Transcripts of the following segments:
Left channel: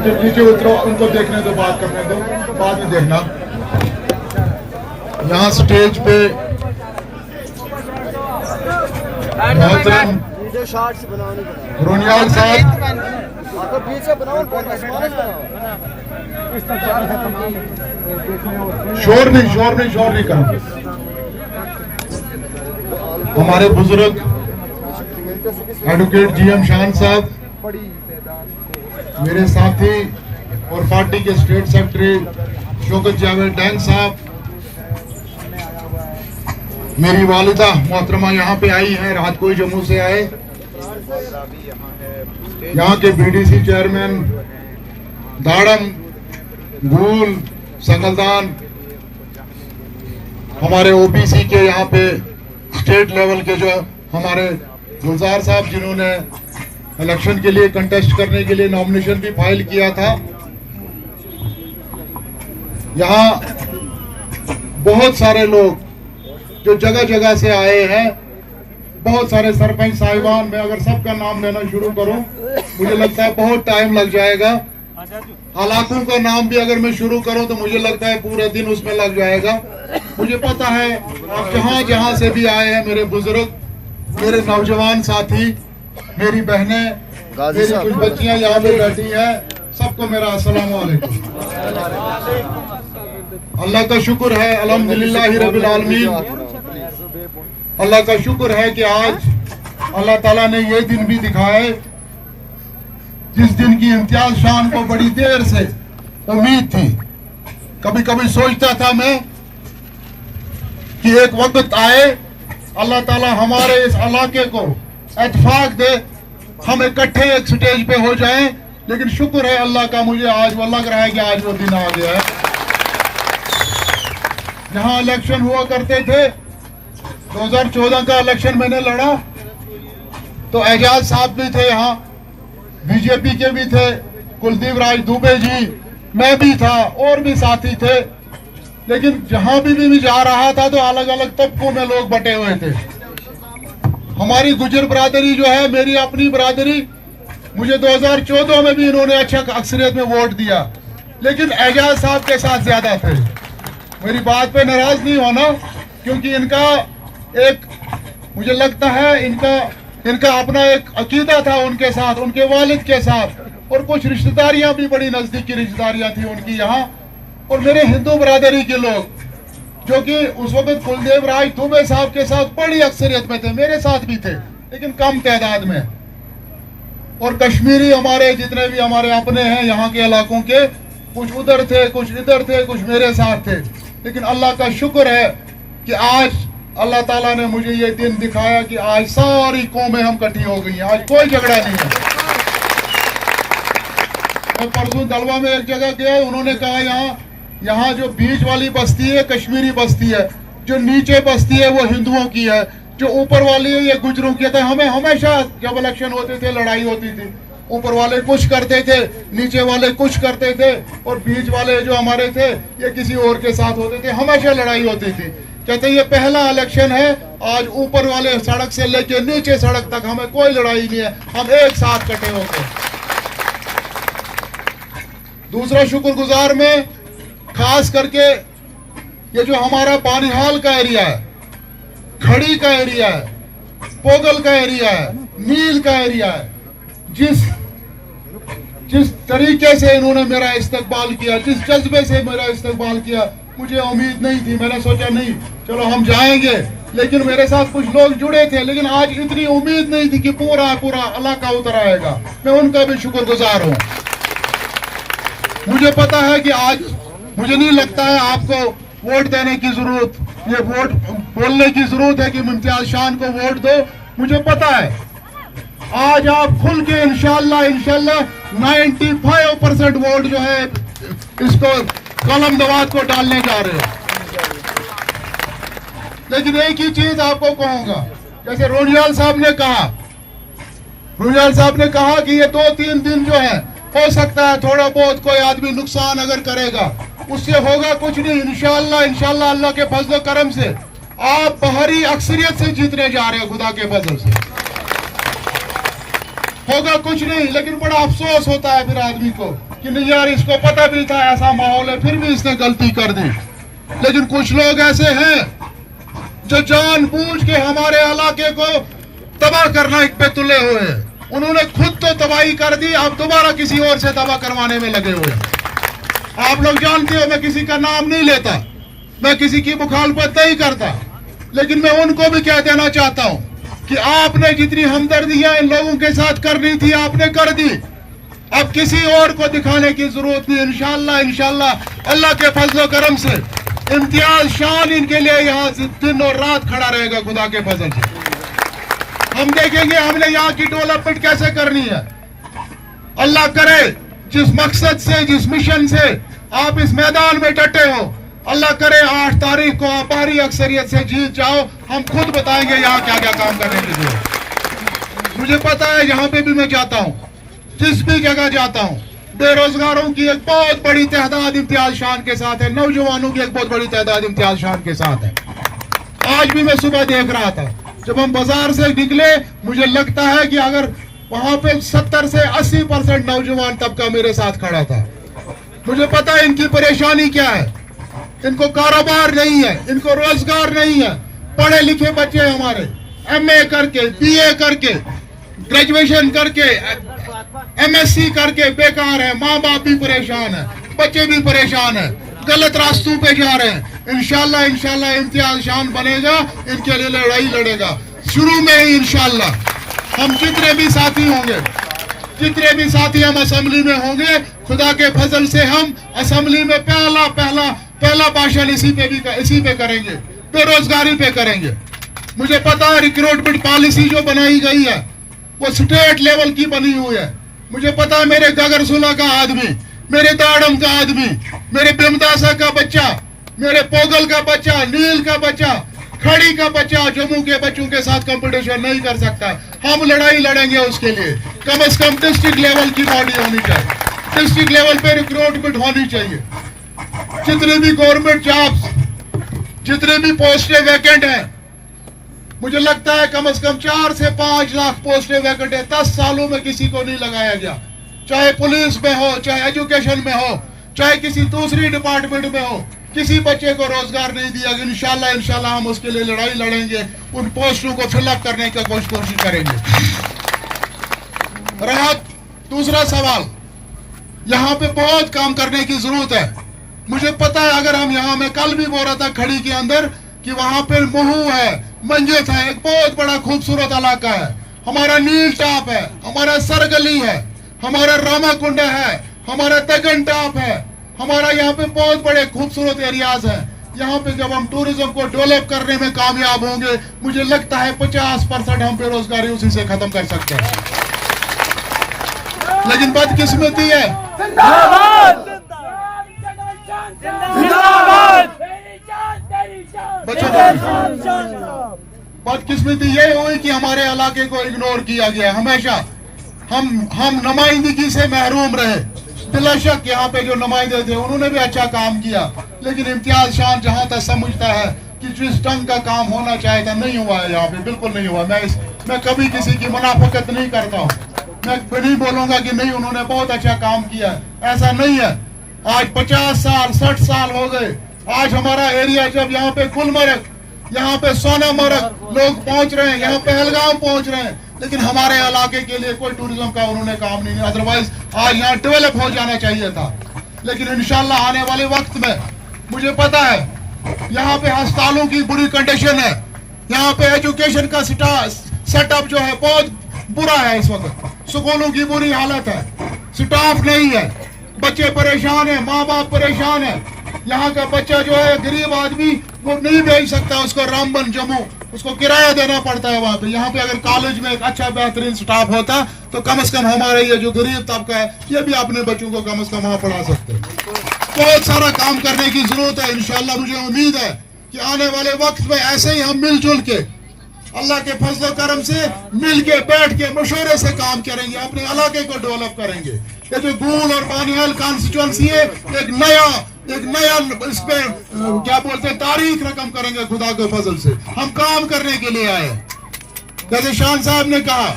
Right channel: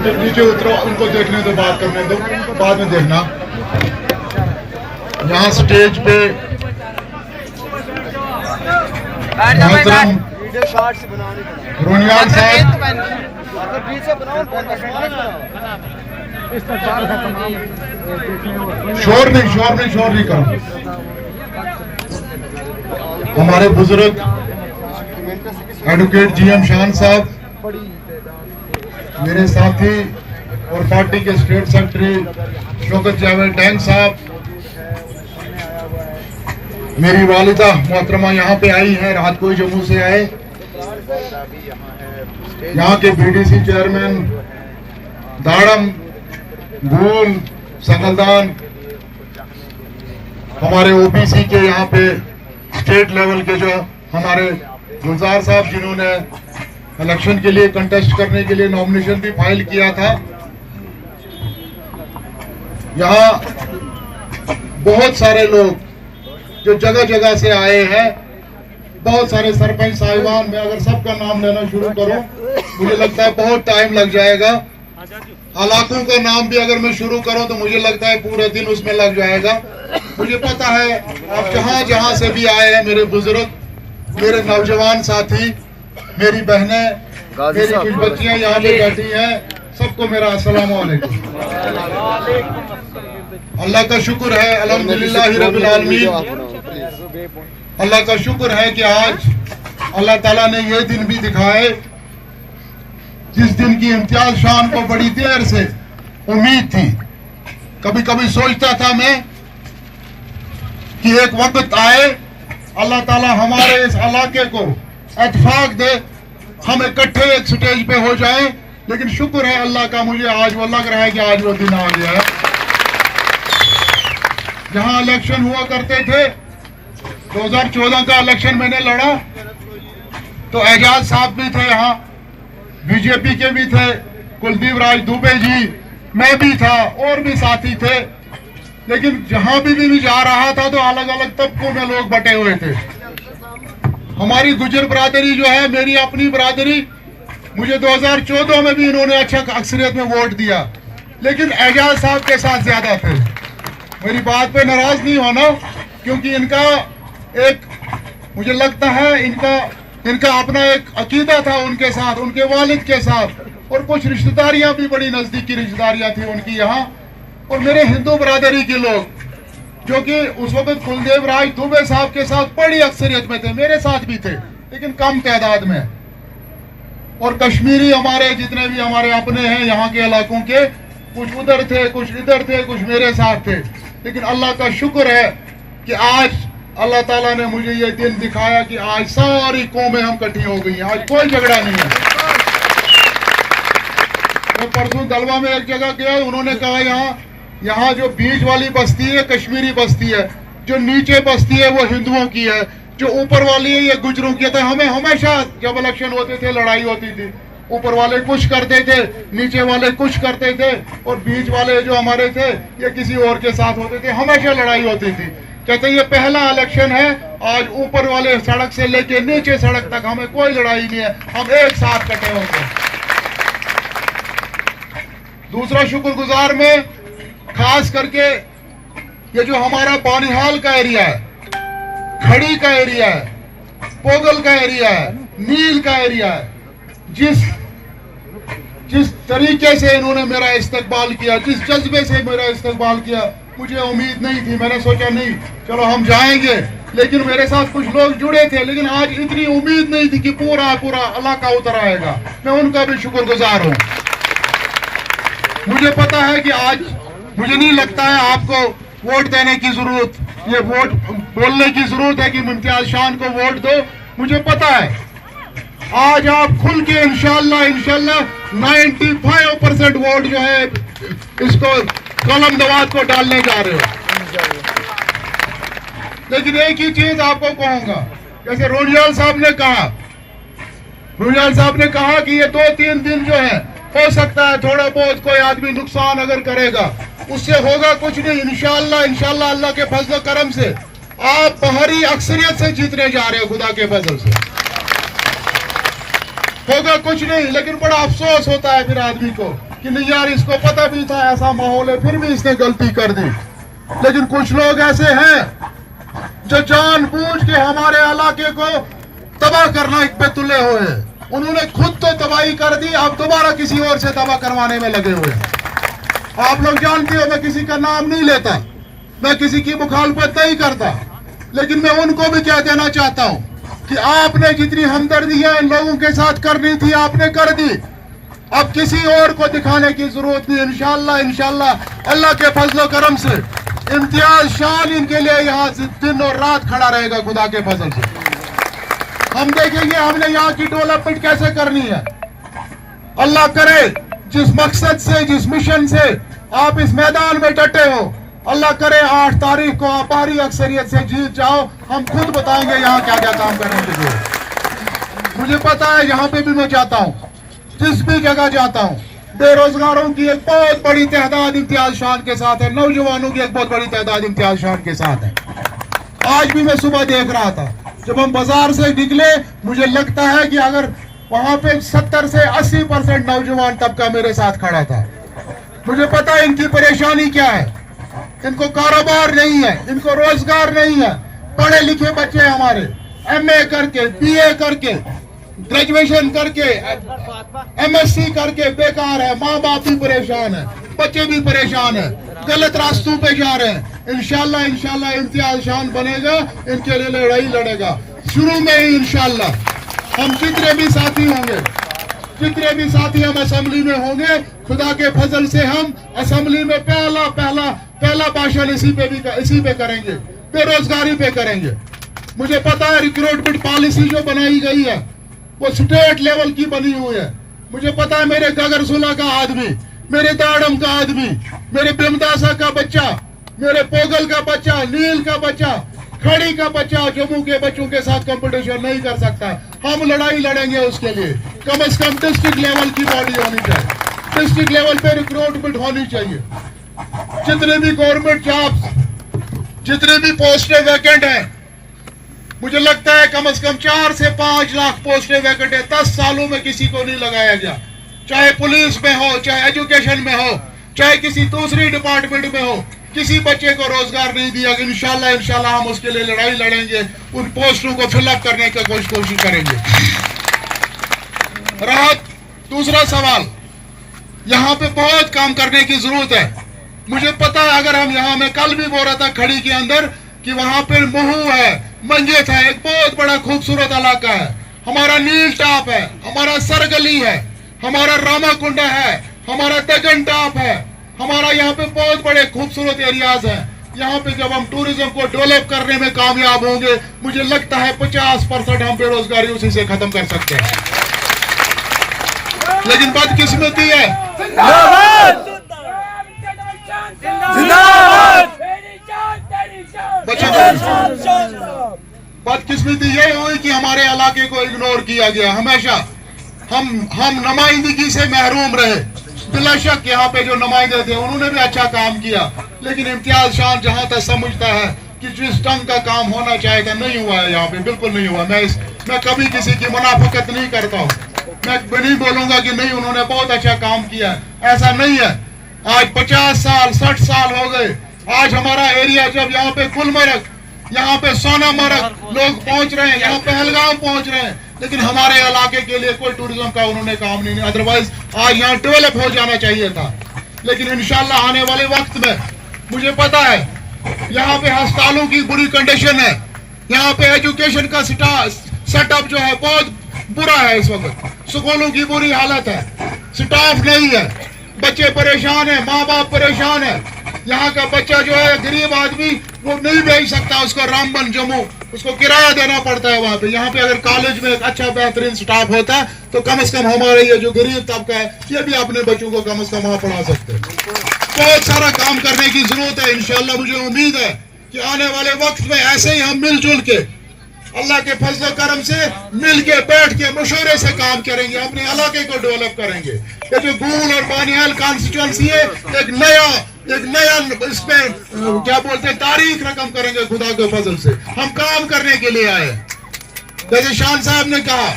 नीचे उतरो, उनको देखने दो, बात करने दो, बाद में देखना। यहाँ स्टेज पे मोहतरम रोनियाल साहब, शोर नहीं करो। हमारे बुजुर्ग एडवोकेट GM शान साहब, मेरे साथी और पार्टी के state secretary Shaukat Javed tank साहब, मेरी वालिदा मोहतरमा यहाँ पे आई हैं, रात को ही जम्मू से आए। यहाँ के BDC चेयरमैन दाड़म, गूल, संगलदान, हमारे OBC के यहाँ पे स्टेट लेवल के जो हमारे गुलजार साहब, जिन्होंने इलेक्शन के लिए कंटेस्ट करने के लिए नॉमिनेशन भी फाइल किया था। यहाँ बहुत सारे लोग जो जगह जगह से आए हैं, बहुत सारे सरपंच साहिबान, मैं अगर सबका नाम लेना शुरू करूं मुझे लगता है बहुत टाइम लग जाएगा। इलाकों का नाम भी अगर मैं शुरू करूं तो मुझे लगता है पूरे दिन उसमें लग जाएगा। मुझे पता है आप जहां जहां से भी आए हैं, मेरे बुजुर्ग, मेरे नौजवान साथी, मेरी बहनें, मेरी कुछ बच्चियां यहाँ पे बैठी हैं, सबको मेरा अस्सलाम वालेकुम। अल्लाह का शुक्र है, अल्हम्दुलिल्लाह रब्बिल आलमीन। अल्लाह का शुक्र है कि आज अल्लाह ताला ने ये दिन भी दिखाए जिस दिन की इम्तियाज शान को बड़ी देर से उम्मीद थी। कभी कभी सोचता था मैं कि एक वक्त आए अल्लाह ताला हमारे इस इलाके को इत्तेफाक दे, हम इकट्ठे एक स्टेज पे हो जाएं। लेकिन शुक्र है अल्लाह का, मुझे आज वो लग रहा है कि आज वो दिन आ गया है। जहां इलेक्शन हुआ करते थे, 2014 का इलेक्शन मैंने लड़ा तो एजाज साहब भी थे यहाँ, बीजेपी के भी थे, कुलदीप राज दुबे जी, मैं भी था और भी साथी थे। लेकिन जहां भी जा रहा था तो अलग अलग तबकों में लोग बटे हुए थे। हमारी गुजर बरादरी जो है, मेरी अपनी बरादरी, मुझे 2014 में भी इन्होंने अच्छा अक्सरियत में वोट दिया, लेकिन एजाज साहब के साथ ज्यादा थे। मेरी बात पे नाराज नहीं होना, क्योंकि इनका एक, मुझे लगता है इनका अपना एक अकीदा था उनके साथ, उनके वालिद के साथ, और कुछ रिश्तेदारियां भी, बड़ी नजदीकी रिश्तेदारियां थी उनकी यहाँ। और मेरे हिंदू बरादरी के लोग जो कि उस वक्त कुलदीप राज दुबे साहब के साथ बड़ी अक्सरियत में थे, मेरे साथ भी थे लेकिन कम तादाद में। और कश्मीरी हमारे जितने भी हमारे अपने हैं यहाँ के इलाकों के, कुछ उधर थे, कुछ इधर थे, कुछ मेरे साथ थे। लेकिन अल्लाह का शुक्र है कि आज अल्लाह ताला ने मुझे ये दिन दिखाया कि आज सारी कौमें हम इकट्ठी हो गई हैं, आज कोई झगड़ा नहीं है। मैं परसों दलवा में एक जगह गया, उन्होंने कहा यहाँ जो बीच वाली बस्ती है कश्मीरी बस्ती है, जो नीचे बस्ती है वो हिंदुओं की है, जो ऊपर वाली है ये गुजरों की है। हमें हमेशा जब इलेक्शन होते थे लड़ाई होती थी, ऊपर वाले कुछ करते थे, नीचे वाले कुछ करते थे, और बीच वाले जो हमारे थे ये किसी और के साथ होते थे, हमेशा लड़ाई होती थी। कहते ये पहला इलेक्शन है, आज ऊपर वाले सड़क से लेके नीचे सड़क तक हमें कोई लड़ाई नहीं है, हम एक साथ इकट्ठे होते। दूसरा शुक्रगुजार में खास करके ये जो हमारा बानिहाल का एरिया है, खड़ी का एरिया है, पोगल का एरिया है, नील का एरिया है, जिस तरीके से इन्होंने मेरा इस्तकबाल किया, जिस जज्बे से मेरा इस्तकबाल किया, मुझे उम्मीद नहीं थी। मैंने सोचा नहीं चलो हम जाएंगे, लेकिन मेरे साथ कुछ लोग जुड़े थे, लेकिन आज इतनी उम्मीद नहीं थी कि पूरा इलाका उतर आएगा। मैं उनका भी शुक्रगुजार हूँ। मुझे पता है कि आज मुझे नहीं लगता है आपको वोट देने की जरूरत, ये वोट बोलने की जरूरत है कि इम्तियाज शान को वोट दो। मुझे पता है आज आप खुल के इंशाल्लाह 95% वोट जो है इसको कलम दवात को डालने जा रहे हो। लेकिन एक ही चीज आपको कहूंगा, जैसे रोनियाल साहब ने कहा कि ये 2-3 दिन जो है हो सकता है थोड़ा बहुत कोई आदमी नुकसान अगर करेगा, उससे होगा कुछ नहीं। इंशाल्लाह अल्लाह के फजल करम से आप बाहरी अक्सरियत से जीतने जा रहे हो, खुदा के फजल से होगा कुछ नहीं। लेकिन बड़ा अफसोस होता है फिर आदमी को कि नहीं यार इसको पता भी था ऐसा माहौल है फिर भी इसने गलती कर दी। लेकिन कुछ लोग ऐसे हैं जो जानबूझ के हमारे इलाके को तबाह करना पे तुले हुए हैं। उन्होंने खुद तो तबाही कर दी, अब दोबारा किसी और से तबाह करवाने में लगे हुए हैं। आप लोग जानते हो मैं किसी का नाम नहीं लेता, मैं किसी की मुखालफत नहीं करता, लेकिन मैं उनको भी क्या देना चाहता हूं कि आपने जितनी हमदर्दी है इन लोगों के साथ करनी थी आपने कर दी। अब किसी और को दिखाने की जरूरत नहीं। इंशाल्लाह अल्लाह के फजल करम से इम्तियाज शान इनके लिए यहाँ दिन और रात खड़ा रहेगा खुदा के फजल से। हम देखेंगे हमने यहाँ की डेवलपमेंट कैसे करनी है। अल्लाह करे जिस मकसद से जिस मिशन से आप इस मैदान में डटे हो, अल्लाह करे 8 तारीख को आप भारी अक्सरियत से जीत जाओ। हम खुद बताएंगे यहाँ क्या क्या काम करने की जरूरत। मुझे पता है यहाँ पे भी मैं जाता हूँ, जिस भी जगह जाता हूँ बेरोजगारों की एक बहुत बड़ी तादाद इम्तियाज शान के साथ है, नौजवानों की एक बहुत बड़ी तादाद इम्तियाज शान के साथ है। आज भी मैं सुबह देख रहा था जब हम बाजार से निकले, मुझे लगता है कि अगर वहां पे 70 से 80% नौजवान तबका मेरे साथ खड़ा था। मुझे पता है इनकी परेशानी क्या है। इनको कारोबार नहीं है, इनको रोजगार नहीं है। पढ़े लिखे बच्चे हमारे MA करके, BA करके, ग्रेजुएशन करके, MSc करके बेकार है। माँ बाप भी परेशान है, बच्चे भी परेशान है, गलत रास्तों पे जा रहे हैं। इंशाल्लाह इम्तियाज शान बनेगा, इनके लिए लड़ाई लड़ेगा। शुरू में ही इंशाल्लाह हम जितने भी साथी होंगे, जितने भी साथी हम असेंबली में होंगे, खुदा के फजल से हम असेंबली में पहला भाषण इसी पे करेंगे, बेरोजगारी पे करेंगे। मुझे पता है रिक्रूटमेंट पॉलिसी जो बनाई गई है वो स्टेट लेवल की बनी हुई है। मुझे पता है मेरे गगरसुला का आदमी, मेरे दाड़म का आदमी, मेरे बिमदासा का बच्चा, मेरे पोगल का बच्चा, नील का बच्चा, खड़ी का बच्चा जम्मू के बच्चों के साथ कंपटीशन नहीं कर सकता। हम लड़ाई लड़ेंगे उसके लिए। कम से कम डिस्ट्रिक्ट लेवल की बॉडी होनी चाहिए, डिस्ट्रिक्ट लेवल पे रिक्रूटमेंट होनी चाहिए। जितने भी गवर्नमेंट जॉब्स, जितने भी पोस्टें वैकेंट हैं, मुझे लगता है कम से कम 4 से 5 लाख पोस्टें वैकेंट है। 10 सालों में किसी को नहीं लगाया गया, चाहे पुलिस में हो, चाहे एजुकेशन में हो, चाहे किसी दूसरी डिपार्टमेंट में हो। किसी बच्चे को रोजगार नहीं दिया। इंशाल्लाह हम उसके लिए लड़ाई लड़ेंगे, उन पोस्टों को फिलअप करने की कोशिश करेंगे। रहा दूसरा सवाल, यहाँ पे बहुत काम करने की जरूरत है। मुझे पता है अगर हम यहाँ, मैं कल भी बोल रहा था खड़ी के अंदर कि वहां पे महू है, मंजित है, एक बहुत बड़ा खूबसूरत इलाका है। हमारा नील टॉप है, हमारा सरगली है, हमारा रामाकुंडा है, हमारा दगन टॉप है, हमारा यहाँ पे बहुत बड़े खूबसूरत एरियाज हैं। यहाँ पे जब हम टूरिज्म को डेवलप करने में कामयाब होंगे, मुझे लगता है 50% हम बेरोजगारी उसी से खत्म कर सकते हैं। लेकिन बदकिस्मती है, बदकिस्मती ये हुई कि हमारे इलाके को इग्नोर किया गया। हमेशा हम नुमाइंदगी से महरूम रहे। बिलाशक यहाँ पे जो नुमाइंदे थे उन्होंने भी अच्छा काम किया, लेकिन इम्तियाज शान जहाँ तक समझता है कि जिस ढंग का काम होना चाहिए था नहीं हुआ है यहाँ पे, बिल्कुल नहीं हुआ। मैं कभी किसी की मुनाफिकत नहीं करता हूँ, मैं नहीं बोलूंगा कि नहीं उन्होंने बहुत अच्छा काम किया, ऐसा नहीं है। आज 50 साल 60 साल हो गए। आज हमारा एरिया जब यहाँ पे गुलमर्ग, यहाँ पे सोनामर्ग लोग पहुंच रहे हैं, यहाँ पहलगाम पहुंच रहे हैं, लेकिन हमारे इलाके के लिए कोई टूरिज्म का उन्होंने काम नहीं। अदरवाइज आज यहाँ डेवलप हो जाना चाहिए था। लेकिन इंशाल्लाह आने वाले वक्त में मुझे पता है यहाँ पे अस्पतालों की बुरी कंडीशन है, यहाँ पे एजुकेशन का सेटअप जो है बहुत बुरा है। इस वक्त स्कूलों की बुरी हालत है, स्टाफ नहीं है, बच्चे परेशान है, माँ बाप परेशान है। यहाँ का बच्चा जो है गरीब आदमी वो नहीं भेज सकता उसको रामबन जम्मू, उसको किराया देना पड़ता है वहाँ पे। यहाँ पे अगर कॉलेज में एक अच्छा बेहतरीन स्टाफ होता तो कम से कम हमारे ये जो गरीब तबका है ये भी अपने बच्चों को कम से कम वहाँ पढ़ा सकते हैं। बहुत सारा काम करने की जरूरत है। इंशाल्लाह मुझे उम्मीद है कि आने वाले वक्त में ऐसे ही हम मिलजुल के अल्लाह के फजल करम से मिल के बैठ के मशवरे से काम करेंगे, अपने इलाके को डेवलप करेंगे। ये जो गूल और बानियाल कॉन्स्टिट्यूंसी है एक नया इसमें क्या बोलते हैं तारीख रकम करेंगे। खुदा के फजल से हम काम करने के लिए आए। जैसे शान साहब ने कहा,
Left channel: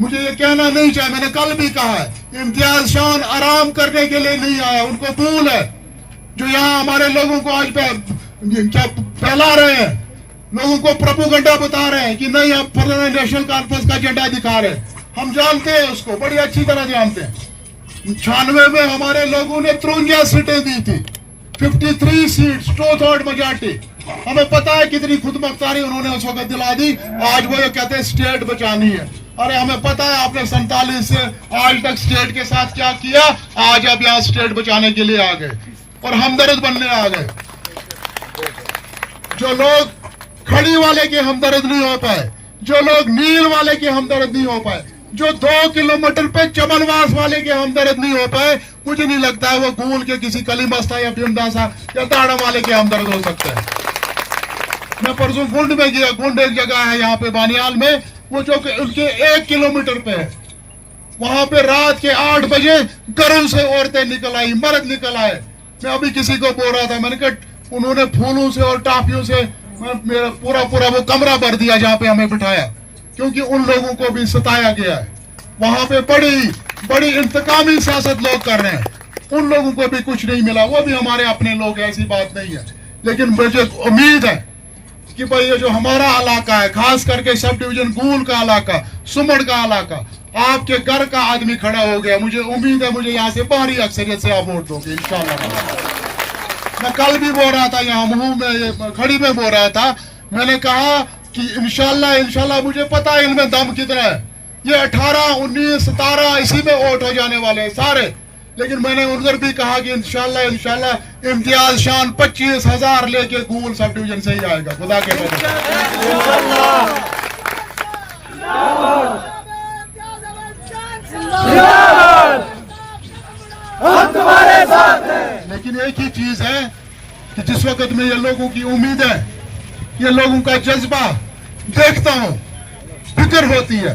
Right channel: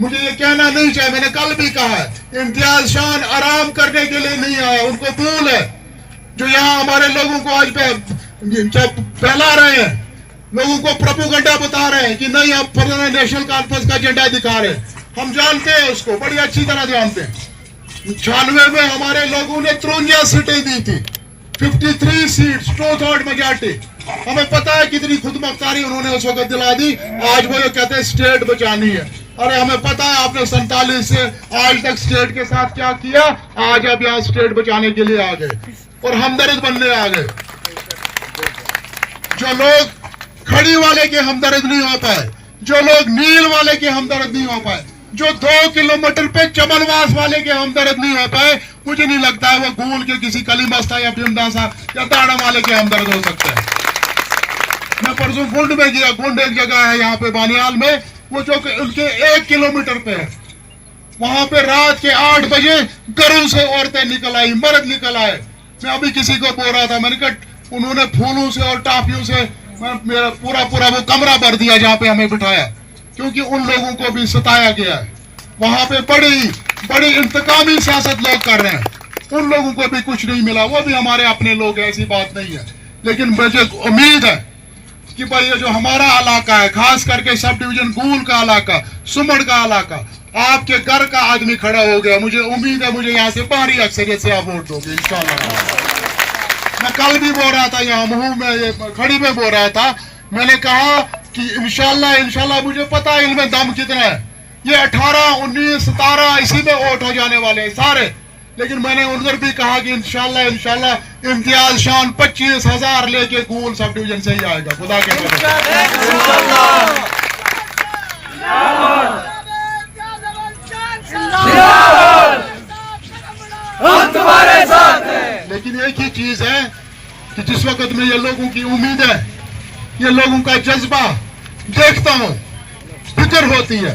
मुझे ये कहना नहीं चाहिए, मैंने कल भी कहा है, इम्तियाज शान आराम करने के लिए नहीं आया, उनको भूल है जो यहाँ हमारे लोगों को आज क्या फैला रहे हैं, लोगों को प्रोपेगेंडा बता रहे हैं कि नहीं आप नेशनल कॉन्फ्रेंस का एजेंडा दिखा रहे हैं। हम जानते हैं उसको, बड़ी अच्छी तरह जानते हैं। 96 में हमारे लोगों ने 53 सीटें दी थी, 53 सीट्स, 2/3 मेजॉरिटी। हमें पता है कितनी खुदमुख्तारी उन्होंने उस वक्त दिला दी। आज वो ये कहते हैं स्टेट बचानी है। अरे हमें पता है आपने 47 से आज तक स्टेट के साथ क्या किया। आज आप यहाँ स्टेट बचाने के लिए आ गए और हमदर्द बनने आ गए। जो लोग खड़ी वाले के हमदर्द नहीं हो पाए, जो लोग नील वाले के हमदर्द नहीं हो पाए, जो 2 किलोमीटर पे चमनवास वाले के हमदर्द नहीं हो पाए, मुझे नहीं लगता है वो गूल के किसी कलीमस्ता या पिंडासा या दाड़ा वाले के हमदर्द हो सकते हैं। मैं परसों गुंड में गया, गुंड एक जगह है यहाँ पे बानियाल में, वो जो उनके 1 किलोमीटर पे है, वहां पे रात के 8 बजे घरों से औरतें निकल आई, मर्द निकल आए। मैं अभी किसी को बोल रहा था, मैंने कहा उन्होंने फूलों से और टाफियों से मेरा पूरा वो कमरा भर दिया जहाँ पे हमें बिठाया, क्योंकि उन लोगों को भी सताया गया है। वहां पे बड़ी इंतकामी सियासत लोग कर रहे हैं, उन लोगों को भी कुछ नहीं मिला, वो भी हमारे अपने लोग हैं, ऐसी बात नहीं है। लेकिन मुझे उम्मीद है कि भाई ये जो हमारा इलाका है, खास करके सब डिवीजन गूल का इलाका, सुमड़ का इलाका, आपके घर का आदमी खड़ा हो गया। मुझे उम्मीद है मुझे यहाँ से भारी अक्सरियत से आप वोट दोगे इंशाल्लाह। मैं कल भी बोल रहा था, यहाँ मुंह में खड़ी में बोल रहा था, मैंने कहा कि इंशाल्लाह मुझे पता है इनमें दम कितना है। ये 18, 19, 17 इसी में वोट हो जाने वाले हैं सारे। लेकिन मैंने उधर भी कहा कि इंशाल्लाह इम्तियाज शान 25,000 लेके गूल सब डिवीजन से ही आएगा, खुदा के तुम्हारे साथ है। लेकिन एक ही चीज है कि जिस वक्त में ये लोगों की उम्मीद है, ये लोगों का जज्बा देखता हूँ, फिक्र होती है,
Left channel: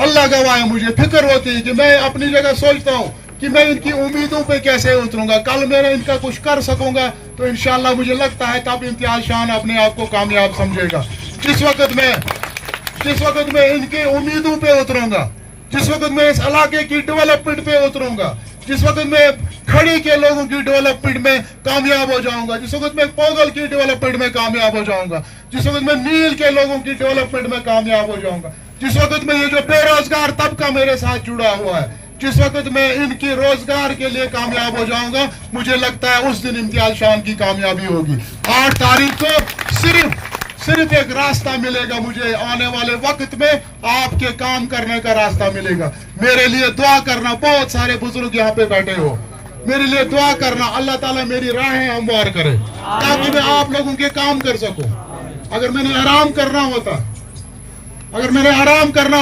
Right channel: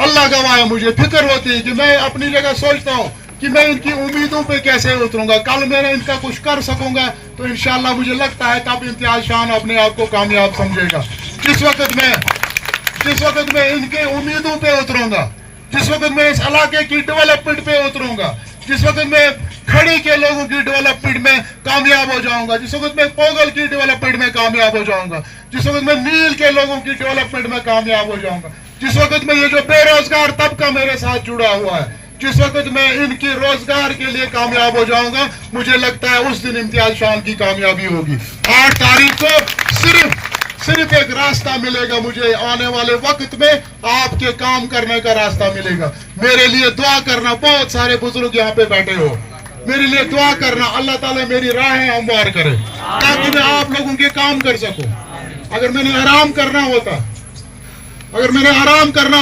अल्लाह गवाह है, मुझे फिक्र होती है कि मैं अपनी जगह सोचता हूँ कि मैं इनकी उम्मीदों पे कैसे उतरूंगा। कल मैं इनका कुछ कर सकूंगा तो इंशाल्लाह मुझे लगता है तब इम्तियाज शान अपने आप को कामयाब समझेगा। जिस वक्त मैं इनके उम्मीदों पे उतरूंगा, जिस वक्त मैं इस इलाके की डेवलपमेंट पे उतरूंगा, जिस वक्त मैं खड़ी के लोगों की डेवलपमेंट में कामयाब हो जाऊंगा, जिस वक्त मैं पोगल की डेवलपमेंट में कामयाब हो जाऊंगा, जिस वक्त मैं नील के लोगों की डेवलपमेंट में कामयाब हो जाऊंगा, जिस वक्त में ये जो बेरोजगार तबका मेरे साथ जुड़ा हुआ है, जिस वक्त मैं इनके रोजगार के लिए कामयाब हो जाऊंगा, मुझे लगता है उस दिन इम्तियाज शान की कामयाबी होगी। 8 तारीख को सिर्फ एक रास्ता मिलेगा मुझे, आने वाले वक्त में आपके काम करने का रास्ता मिलेगा। मेरे लिए दुआ करना, बहुत सारे बुजुर्ग यहाँ पे बैठे हो, मेरे लिए दुआ करना, अल्लाह ताला मेरी राहें हमवार करे ताकि मैं आप लोगों के काम कर सकूं। अगर मैंने आराम करना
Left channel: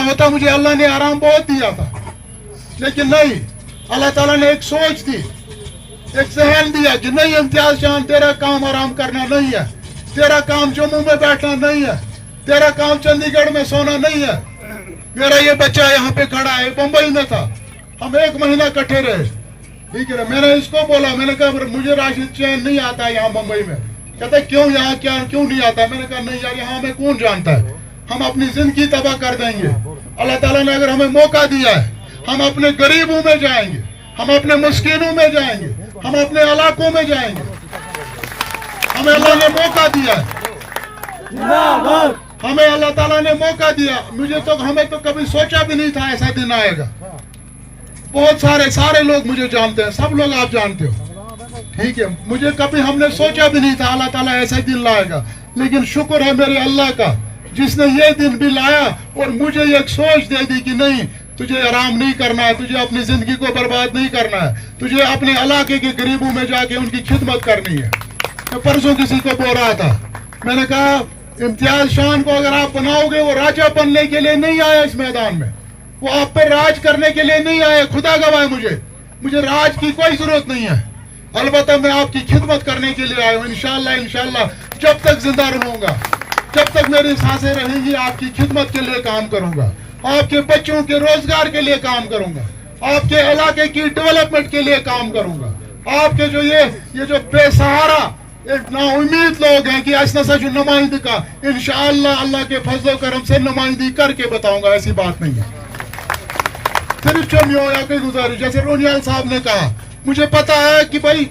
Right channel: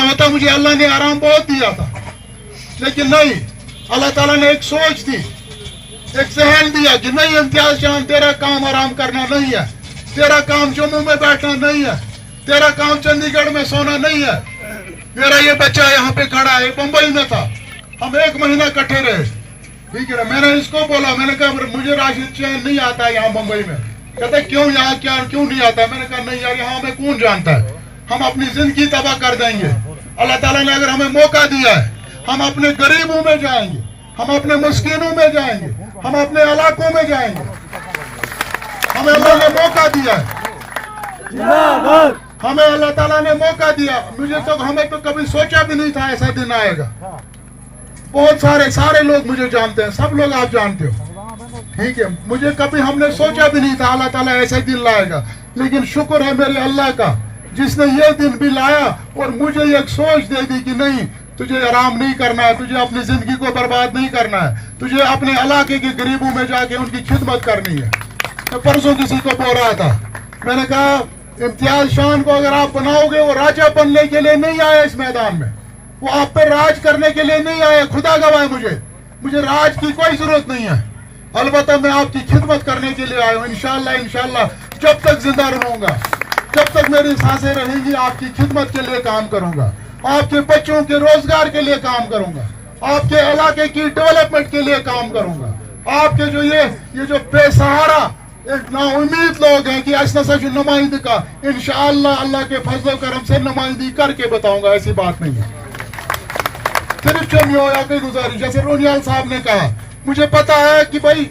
होता मुझे अल्लाह ने आराम बहुत दिया था, लेकिन नहीं, अल्लाह ताला ने एक सोच दी, एक जहन दिया कि नहीं इम्तियाज शान तेरा काम आराम करना नहीं है, तेरा काम जम्मू में बैठना नहीं है, तेरा काम चंडीगढ़ में सोना नहीं है। मेरा ये बच्चा यहाँ पे खड़ा है, मुंबई में था, हम 1 महीना इकट्ठे रहे, ठीक है। मैंने इसको बोला, मैंने कहा मुझे राशिद चैन नहीं आता है यहाँ मुंबई में। कहते क्यों यहाँ क्यों नहीं आता? मैंने कहा नहीं यार, यहाँ हमें कौन जानता है, हम अपनी जिंदगी तबाह कर देंगे। अल्लाह ताला ने अगर हमें मौका दिया है, हम अपने गरीबों में जाएंगे, हम अपने मुस्किनों में जाएंगे, हम अपने इलाकों में जाएंगे। हमें अल्लाह ने मौका दिया, हमें अल्लाह ताला ने मौका दिया। हमें तो कभी सोचा भी नहीं था ऐसा दिन आएगा। बहुत सारे लोग मुझे जानते हैं, सब लोग आप जानते हो, ठीक है। मुझे कभी हमने सोचा भी नहीं था अल्लाह ताला ऐसा दिन लाएगा, लेकिन शुक्र है मेरे अल्लाह का जिसने ये दिन भी लाया और मुझे एक सोच दे दी कि नहीं, तुझे आराम नहीं करना है, तुझे अपनी जिंदगी को बर्बाद नहीं करना है, तुझे अपने इलाके के गरीबों में जाके उनकी खिदमत करनी है। मैं परसों किसी को बोल रहा था, मैंने कहा इम्तियाज शान को अगर आप बनाओगे, वो राजा बनने के लिए नहीं आया इस मैदान में, वो आप पर राज करने के लिए नहीं आया। खुदा गवाह है, मुझे राज की कोई जरूरत नहीं है, अलबत्ता मैं आपकी खिदमत करने के लिए आया हूँ। इंशाल्लाह जब तक जिंदा रहूंगा, जब तक मेरी सांसें रहेंगी, आपकी खिदमत के लिए काम करूंगा, आपके बच्चों के रोजगार के लिए काम करूंगा, आपके इलाके की डेवलपमेंट के लिए काम करूंगा, आपके जो ये जो बेसहारा एक नाउमीद लोग हैं कि ऐसा सच नुमाइंदी का इंशाअल्लाह अल्लाह के फजल करम से नुमाइंदी करके बताऊंगा, ऐसी बात नहीं है। सिर्फ चमियो या कोई गुजारिश, जैसे रोनियाल साहब ने कहा, मुझे पता है कि भाई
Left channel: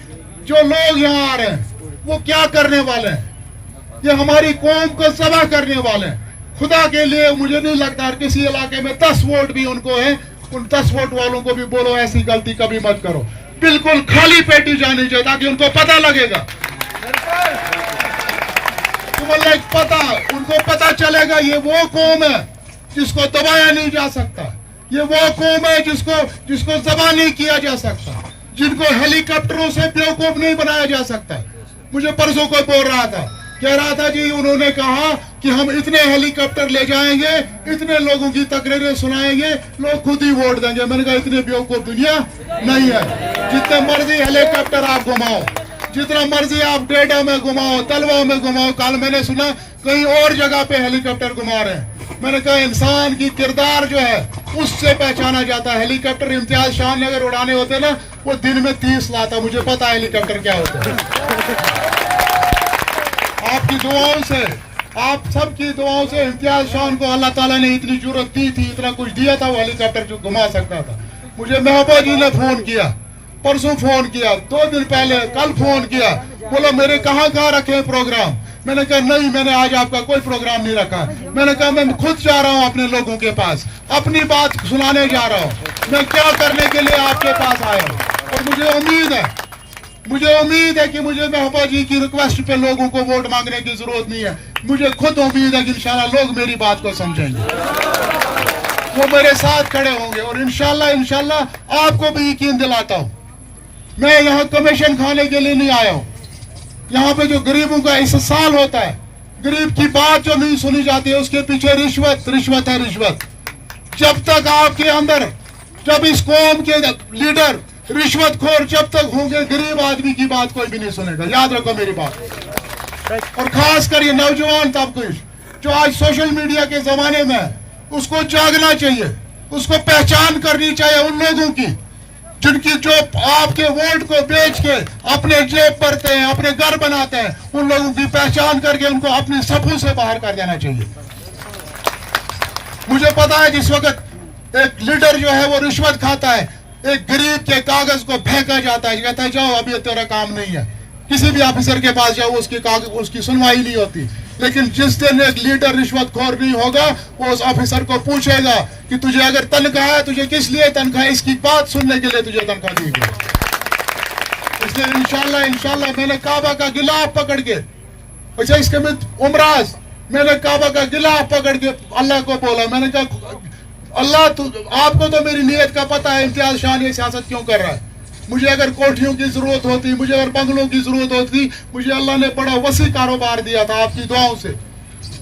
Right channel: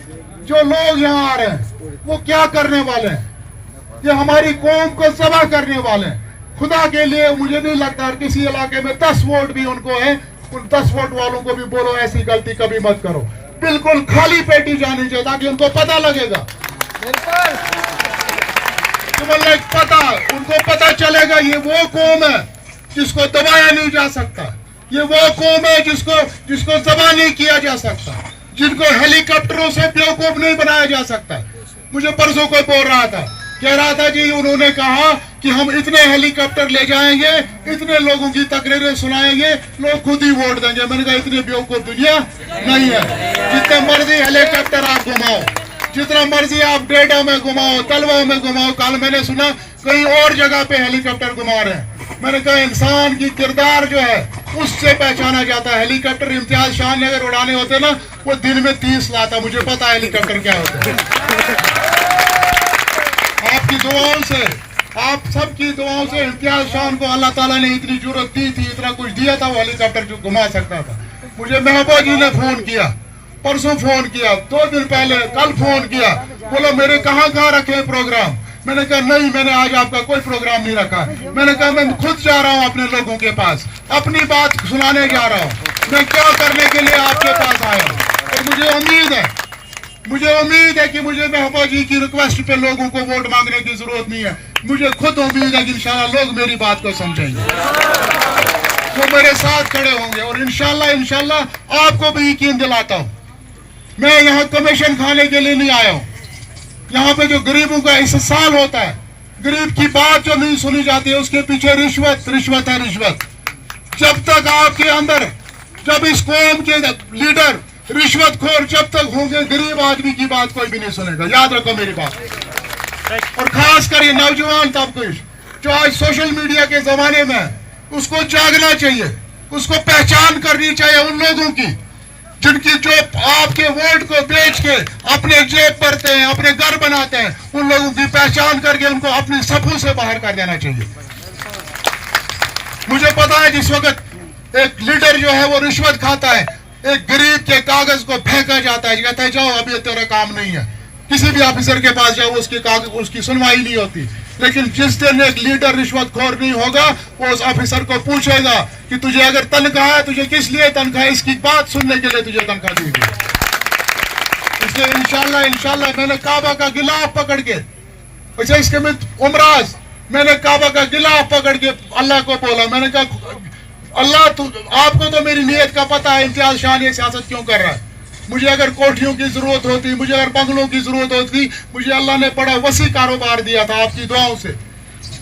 जो लोग यहाँ आ रहे हैं वो क्या करने वाले हैं, ये हमारी कौम को तबाह करने वाले हैं। खुदा के लिए मुझे नहीं लगता किसी इलाके में 10 वोट भी उनको है, उन 10 वोट वालों को भी बोलो ऐसी गलती कभी मत करो। बिल्कुल खाली पेटी जानी चाहिए ताकि उनको पता लगेगा, उनको पता चलेगा ये वो कौम है जिसको दबाया नहीं जा सकता, ये वो कौम है जिसको दबा नहीं किया जा सकता, जिनको हेलीकॉप्टरों से बेवकूफ नहीं बनाया जा सकता। मुझे परसों कोई बोल रहा था, कह रहा था जी उन्होंने कहा कि हम इतने हेलीकॉप्टर ले जाएंगे, इतने लोगों की तकरीरें सुनाएंगे, लोग खुद ही वोट देंगे। मैंने कहा इतनी बेवकूफ दुनिया नहीं है, जितने मर्जी हेलीकॉप्टर आप घुमाओ, जितना मर्जी आप डेडा में घुमाओ, तलवा में घुमाओ। कल मैंने सुना कहीं और जगह पे हेलीकॉप्टर घुमा रहे हैं। मैंने कहा इंसान की किरदार जो है उससे पहचाना जाता है। हेलीकॉप्टर इम्तियाज शाह ने अगर उड़ाने होते ना वो दिन में 30 लाता। मुझे पता है हेलीकॉप्टर क्या होता है। आपकी दुआओं से, आप सबकी दुआओं से इम्तियाज शाह को अल्लाह ताला ने इतनी जरूरत दी थी, इतना कुछ दिया था, वो हेलीकॉप्टर जो घुमा सकता था। मुझे महबूबा जी ने फोन किया, परसों फोन किया, 2 दिन पहले, कल फोन किया, बोला मेरे कहाँ रखे प्रोग्राम। मैंने कहा नहीं, मैंने आज आपका कोई प्रोग्राम नहीं रखा। मैंने कहा मैं खुद जा रहा हूँ अपने लोगों के पास, अपनी बात सुनाने जा रहा हूँ, मैं क्या करने के लिए आपके पास आया हूँ। और मुझे उम्मीद है कि मुझे महबूबा जी की रिक्वेस्ट पे लोगों को वोट मांगने की जरूरत नहीं है। मुझे खुद उम्मीद है कि इंशाल्लाह लोग मेरी बात को समझेंगे, वो मेरे साथ खड़े होंगे। और इंशाल्लाह आपको भी यकीन दिलाता हूँ, मैं यहाँ कमीशन खाने के लिए नहीं आया हूँ। यहाँ पे जो गरीबों का इस्तेसाल होता है, गरीब की बात जो नहीं सुनी जाती है, उसके पीछे रिश्वत है रिश्वत। जब तक आपके अंदर, जब इस कौम के लीडर रिश्वतखोर जब तक होंगे, गरीब आदमी की बात कोई भी नहीं सुनेगा। याद रखो मेरी बात। और खास कर ये नौजवान तबका जो आज सोशल मीडिया के जमाने में, उसको जागना चाहिए, उसको पहचान करनी चाहिए उन लोगों की जिनकी जो आपके वोट को बेच के अपने जेब भरते हैं, अपने घर बनाते हैं। उन लोगों की पहचान करके उनको अपनी सफों से बाहर कर देना चाहिए। मुझे पता है जिस वक्त एक लीडर जो है वो रिश्वत खाता है, एक गरीब के कागज को फेंका जाता है, कहता है जाओ अभी तेरा काम नहीं है। किसी भी ऑफिसर के पास जाओ, उसकी सुनवाई नहीं होती। लेकिन जिस दिन एक लीडर रिश्वतखोर नहीं होगा, वो उस ऑफिसर को पूछेगा कि तुझे अगर तनख्वाह है, तुझे किस लिए तनख्वाह, इसकी बात सुनने के लिए तुझे तनख्वाह दी गई। इसलिए इंशाल्लाह मैंने काबा का गिलाफ पकड़ के, अच्छा इसके में उमराज, मैंने काबा का गिलाफ पकड़ के अल्लाह को बोला। मैंने कहा अल्लाह आपको तो मेरी नीयत का पता है, इम्तियाज शाह ने सियासत क्यों कर रहा है। मुझे अगर कोठियों की जरूरत होती, मुझे अगर बंगलों की जरूरत होती, मुझे अल्लाह ने बड़ा वसी कारोबार दिया था आपकी दुआओं से,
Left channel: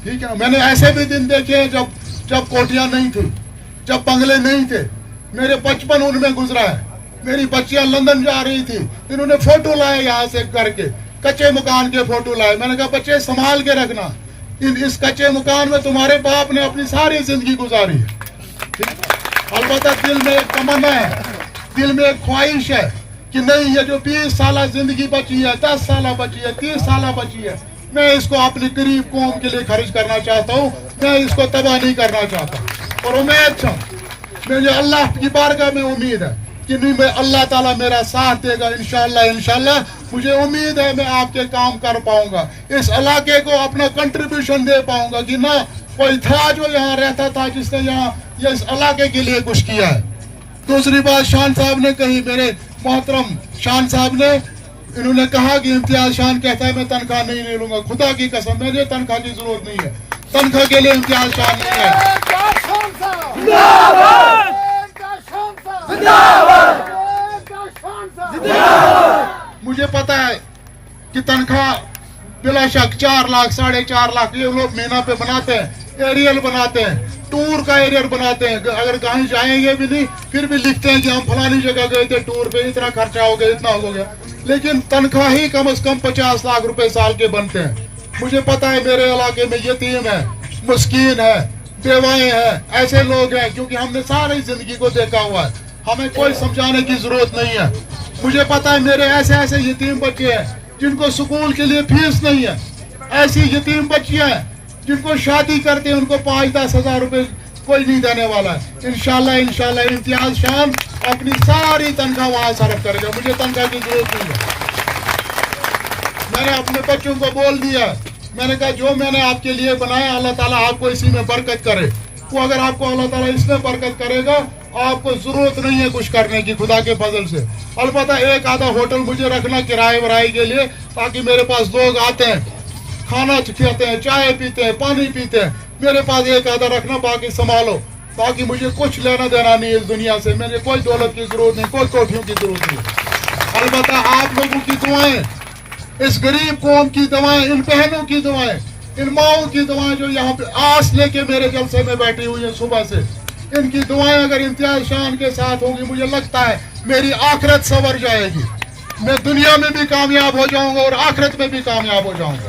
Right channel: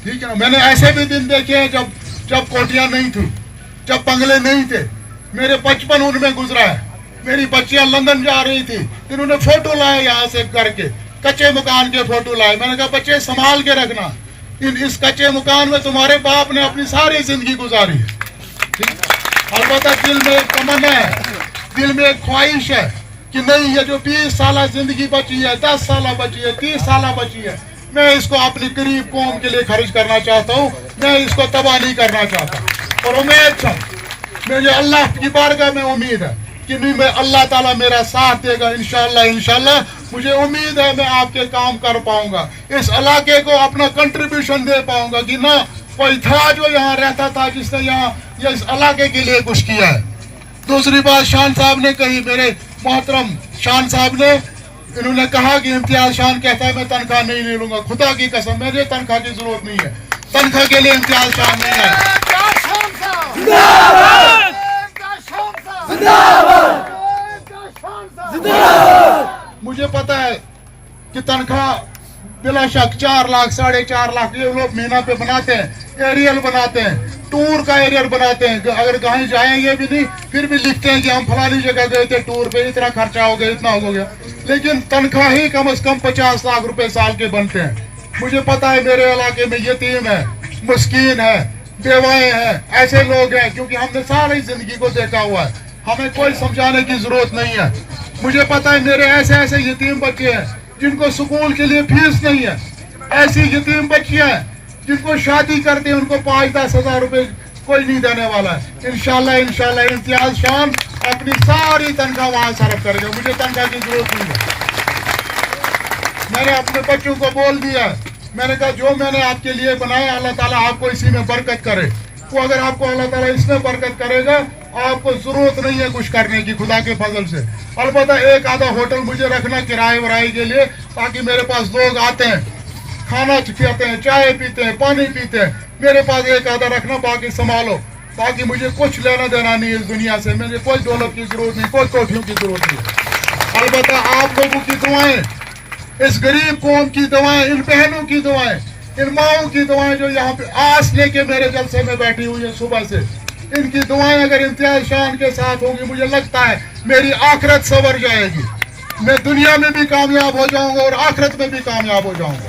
ठीक है। मैंने ऐसे भी दिन देखे हैं जब कोठियां नहीं थी, जब बंगले नहीं थे। मेरे बचपन उनमें गुजरा है। मेरी बच्चियां लंदन जा रही थी, इन्होंने फोटो लाए यहाँ से करके, कच्चे मकान के फोटो लाए। मैंने कहा बच्चे संभाल के रखना, इस कच्चे मकान में तुम्हारे बाप ने अपनी सारी जिंदगी गुजारी है। अलबत्ता दिल में एक तमन्ना है, दिल में एक ख्वाहिश है कि नहीं, ये जो 20 साल जिंदगी बची है, 10 साल बची है, 30 साल बची है, मैं इसको अपनी गरीब कौम के लिए खर्च करना चाहता हूँ। मैं इसको तबाह नहीं करना चाहता। और उम्मीद है, मुझे अल्लाह की बारगाह में उम्मीद है कि नहीं, मैं अल्लाह ताला मेरा साथ देगा इंशाल्लाह। मुझे उम्मीद है मैं आपके काम कर पाऊंगा, इस इलाके को अपना कंट्रीब्यूशन दे पाऊंगा कि ना कोई था जो यहाँ रहता था जिसने यहाँ इस इलाके के लिए कुछ किया है। दूसरी बात शान साहब ने कही, मेरे मोहतरम शान साहब ने, इन्होंने कहा कि इम्तियाज शान कहता है मैं तनख्वाह नहीं लूंगा। खुदा की कसम, मुझे तनख्वाह की जरूरत नहीं है, तनख्वाह के लिए इम्तियाज शान नहीं है। मुझे पता है कि तनख्वाह बिला शक 4 लाख 4.5 लाख ये लोग महीना पे बनाते हैं, एरियल बनाते हैं, टूर का एरियल बनाते हैं। अगर कहीं जाएंगे भी नहीं, फिर भी लिखते हैं कि हम फलानी जगह गए थे टूर पे, इतना खर्चा हो गया, इतना हो गया। लेकिन तनख्वाह ही कम से कम 50 लाख रुपए साल के बनते हैं। मुझे पता है मेरे इलाके में यतीम है, मुस्किन है, बेवाएं हैं, ऐसे लोग हैं, क्योंकि हमने सारी जिंदगी को देखा हुआ है। हमें कोई समझाने की जरूरत नहीं है। मुझे पता है मेरे ऐसे यतीम बच्चे हैं جن کو سکول کے لیے فیس نہیں ہے, ایسی یتیم بچیاں ہیں جن کو شادی کرتے ہیں ان کو 5-10 ہزار روپے کوئی نہیں دینے والا ہے. انشاءاللہ امتیاز شام اپنی ساری تنخواہ وہاں صرف کرے گا. مجھے تنخواہ کی ضرورت نہیں ہے. میں نے اپنے بچوں کو بول دیا ہے, میں نے کہا جو میں نے آپ کے لیے بنایا اللہ تعالیٰ آپ کو اسی میں برکت کرے. وہ اگر آپ کو اللہ تعالیٰ اس میں برکت کرے گا آپ کو ضرورت نہیں ہے کچھ کرنے کی خدا کے فضل سے. البتہ ایک آدھا ہوٹل مجھے رکھنا کرائے ورائے کے لیے, تاکہ میرے پاس لوگ آتے ہیں کھانا کھاتے ہیں, چائے پیتے ہیں, پانی پیتے ہیں, میرے پاس ایک آدھا رکھنا, باقی سنبھالو. باقی مجھے کچھ لینا دینا نہیں اس دنیا سے, مجھے کوئی دولت کی ضرورت نہیں, کوئی کوٹھیوں کی ضرورت نہیں. البتہ آپ لوگوں کی دعائیں, اس غریب قوم کی دعائیں, ان بہنوں کی دعائیں, ان ماؤں کی دعائیں جو یہاں پہ آس لے کے میرے جلسے میں بیٹھی ہوئی ہیں صبح سے, ان کی دعائیں اگر امتیاز شان کے ساتھ ہوں گی, مجھے لگتا ہے میری آخرت سنور جائے گی. میں دنیا میں بھی کامیاب ہو جاؤں گا اور آخرت میں بھی کامیاب ہو جاؤں گا.